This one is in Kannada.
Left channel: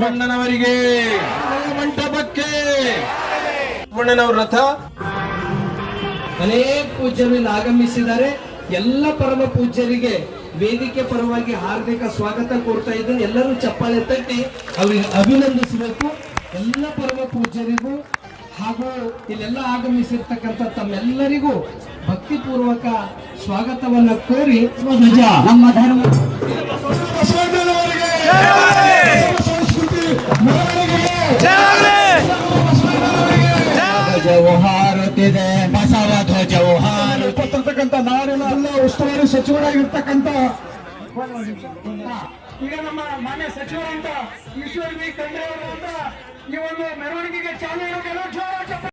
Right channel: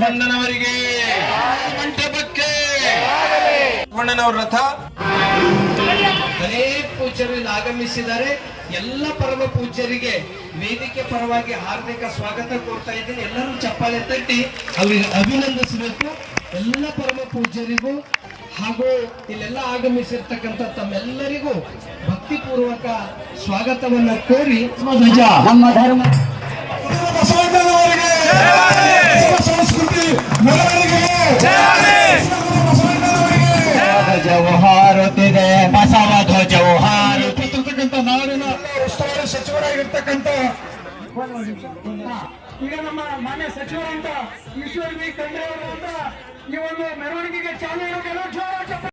ಬಸವಣ್ಣನವರಿಗೆ ಮಂಟಪಕ್ಕೆ ಬಸವಣ್ಣನವರ ರಥ ಅನೇಕ ಪೂಜ್ಯರು ಇಲ್ಲಿ ಆಗಮಿಸಿದ್ದಾರೆ. ಎಲ್ಲ ಪರಮ ಪೂಜ್ಯರಿಗೆ ವೇದಿಕೆ ಪರವಾಗಿ ಹಾರ್ದಿಕ ಸ್ವಾಗತ ಕೊಡ್ತಾ ಇದ್ದೀನಿ. ಎಲ್ಲರೂ ಚಪ್ಪಾಳೆ ತಟ್ಟಿ ಅವರಿಗೆ ಅಭಿನಂದಿಸಬೇಕು. ಎಲ್ಲ ಪರಮ ಪೂಜ್ಯರಿಗೂ ಹಾಗೂ ಇಲ್ಲೆಲ್ಲ ಆಗಮಿಸಿರ್ತಕ್ಕಂಥ ತಮ್ಮೆಲ್ಲರಿಗೂ ಭಕ್ತಿಪೂರ್ವಕ ಸ್ವಾಗತವನ್ನು ಕೋರಿ ಧ್ವಜ ನಮ್ಮ ಧರ್ಮ ಧ್ವಜವು ಹಾರುತ್ತಿದೆ, ಬಸವ ಧ್ವಜವು ಹಾರುತ್ತಿರ್ತಕ್ಕಂಥ ನಾಡಿನ ಉಸ್ತುವಾರಿ ಸಚಿವರಾಗಿರ್ತಕ್ಕಂಥ ಈಗ ನಮ್ಮ ಮಾನ್ಯ ಸಚಿವರಂತ ಈಶ್ವರ್ ಬಿ ಖಂಡ್ರೆ ಅವರು ಅಂತ ಈ ಒಂದು ಮೆರವಣಿಗೆಗೆ ಚಾಲನೆ